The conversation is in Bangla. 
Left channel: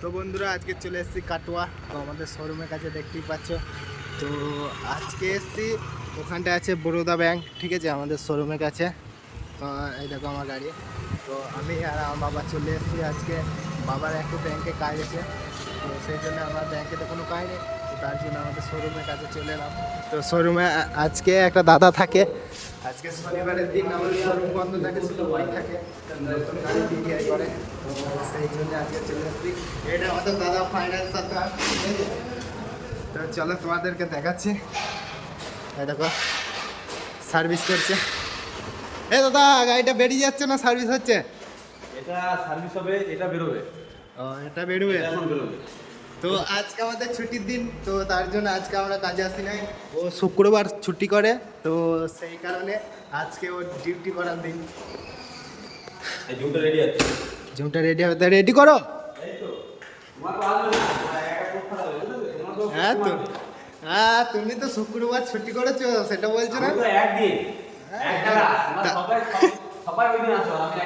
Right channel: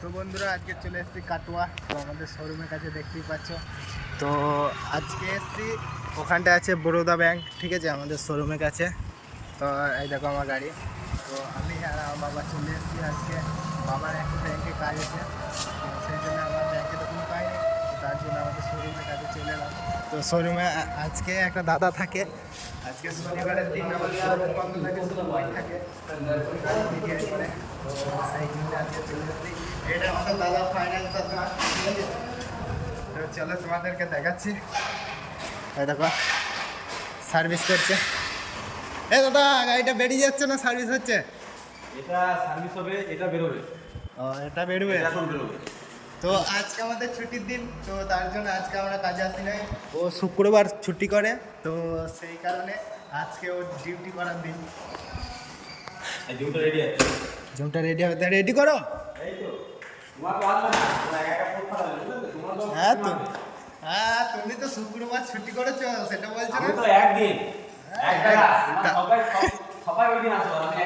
তো বন্ধুরা আজকে চলে এসেছি কাটোয়া, তো আমাদের শোরুমের কাছে দেখতেই পাচ্ছ। তো আজকে এসেছি, ওখানটা আছে বরোদা ব্যাংক, ঠিক আছে, আমাদের শোরুমের কাছে। তো এই দেখো আমার গাড়ি। তো আমি আর আমার বাবা চলে এসেছি আজকে, বাবার একটু ব্যাংকে কাজ আছে, তো সেই জন্য আমার ব্যাংকে তো কোনো কাজ নেই, তো তার জন্য আমাদের শোরুমের কাছে চলে এলাম। তো শোরুমে আজকে একটা দাদা থাকে, আজকে শনিবারের দিন আমাদের শোরুম বন্ধ থাকে, শুধু ওই থাকে, নতুন গাড়ি বিক্রি করে। তো সেই জন্য আজকে চলে এসেছি। এটা আমাদের দাদা ফাইন্যান্সার দা, ঠিক আছে। তো চলো তোমাদেরকে দেখাচ্ছি। এই দেখো সার্ভিস করছে। এ দাদা গাড়িটা বেরিয়ে যাচ্ছে না সার্ভিস হচ্ছে? এটা সার্ভিস হবে, এটা বেরোবে। ও এটা বেরোবে এখন বেরোবে। তো আজকে আমাদের ছুটির দিন, তো তার জন্য আজকে আমরা কাজে আসি নাই। ও শুক্রবার ছুটি করে, তো সেই কারণে আজকে ওর ডিউটি করার দিন। এই জুমটা রেডি আছে। জুমটা রেডি হবে, রেডি করো। এই তো তোমার তো আসবে না, তোমার একটা খুব ভালো হবে, বুঝলে? তোমার তো হ্যাঁ তো, হ্যাঁ তুমি তো শুক্রবার ছুটি করেছো, সেটা বলছো না? আমি তো একদিন এক জায়গা, তোমার সবাই ওই দিন আসবে, আমি